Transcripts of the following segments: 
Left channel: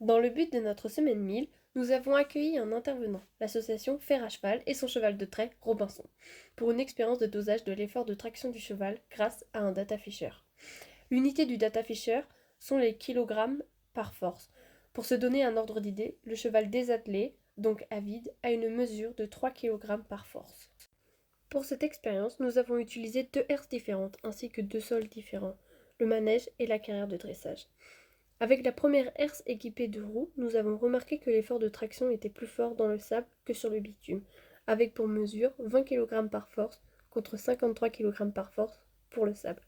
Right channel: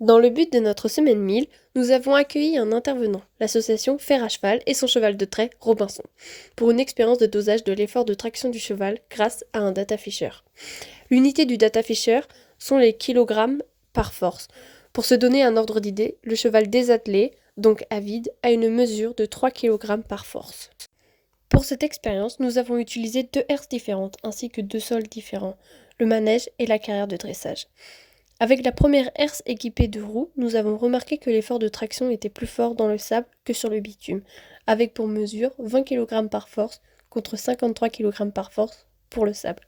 Dans le but de notre semaine 1000, nous avons accueilli un intervenant, l'association Fer à Cheval et son cheval de trait, Robinson, pour une expérience de dosage de l'effort de traction du cheval grâce à un data fisher. L'unité du data fisher sont les kilogrammes par force. Pour se donner un ordre d'idée, le cheval désattelé, donc à vide, a une mesure de 3 kg par force. Pour cette expérience, nous avons utilisé deux herses différentes ainsi que deux sols différents, le manège et la carrière de dressage. Avec la première herse équipée de roues, nous avons remarqué que l'effort de traction était plus fort dans le sable que sur le bitume, avec pour mesure 20 kg par force contre 53 kg par force pour le sable.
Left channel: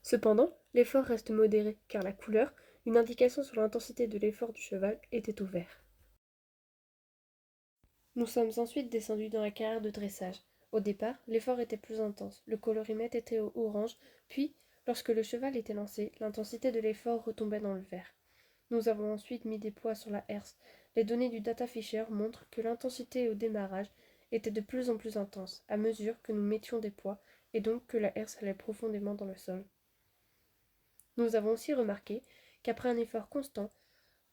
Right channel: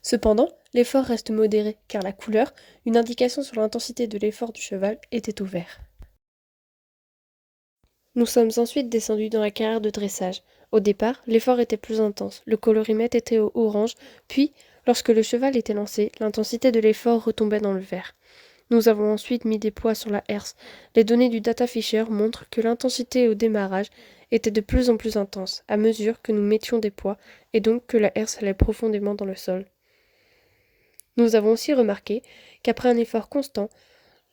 Cependant, l'effort reste modéré car la couleur, une indication sur l'intensité de l'effort du cheval, était au vert. Nous sommes ensuite descendus dans la carrière de dressage. Au départ, l'effort était plus intense, le colorimètre était au orange, puis, lorsque le cheval était lancé, l'intensité de l'effort retombait dans le vert. Nous avons ensuite mis des poids sur la herse. Les données du data fisher montrent que l'intensité au démarrage était de plus en plus intense à mesure que nous mettions des poids et donc que la herse allait profondément dans le sol. Nous avons aussi remarqué qu'après un effort constant,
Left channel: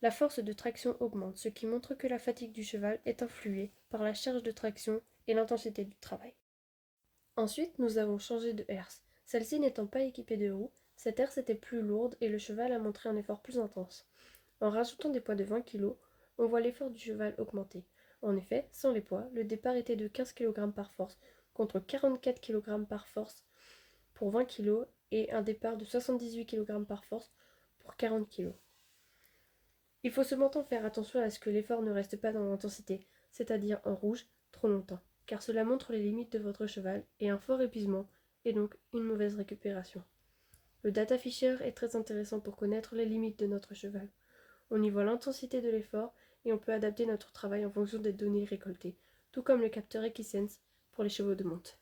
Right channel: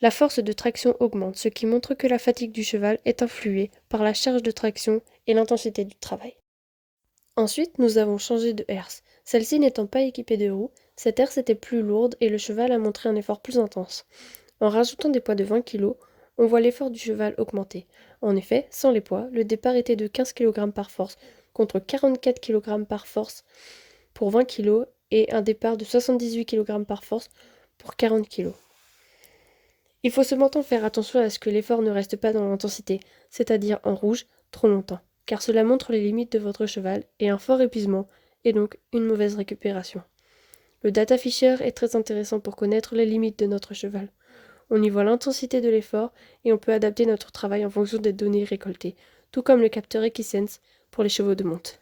la force de traction augmente, ce qui montre que la fatigue du cheval est influée par la charge de traction et l'intensité du travail. Ensuite, nous avons changé de herse. Celle-ci n'étant pas équipée de roues, cette herse était plus lourde et le cheval a montré un effort plus intense. En rajoutant des poids de 20 kg, on voit l'effort du cheval augmenter. En effet, sans les poids, le départ était de 15 kg par force, contre 44 kg par force pour 20 kg et un départ de 78 kg par force pour 40 kg. Il faut cependant faire attention à ce que l'effort ne reste pas dans l'intensité, c'est-à-dire en rouge, trop longtemps, car cela montre les limites de votre cheval et un fort épuisement, et donc une mauvaise récupération. Le data fisher est très intéressant pour connaître les limites de notre cheval. On y voit l'intensité de l'effort et on peut adapter notre travail en fonction des données récoltées, tout comme le capteur Equisense pour les chevaux de monte.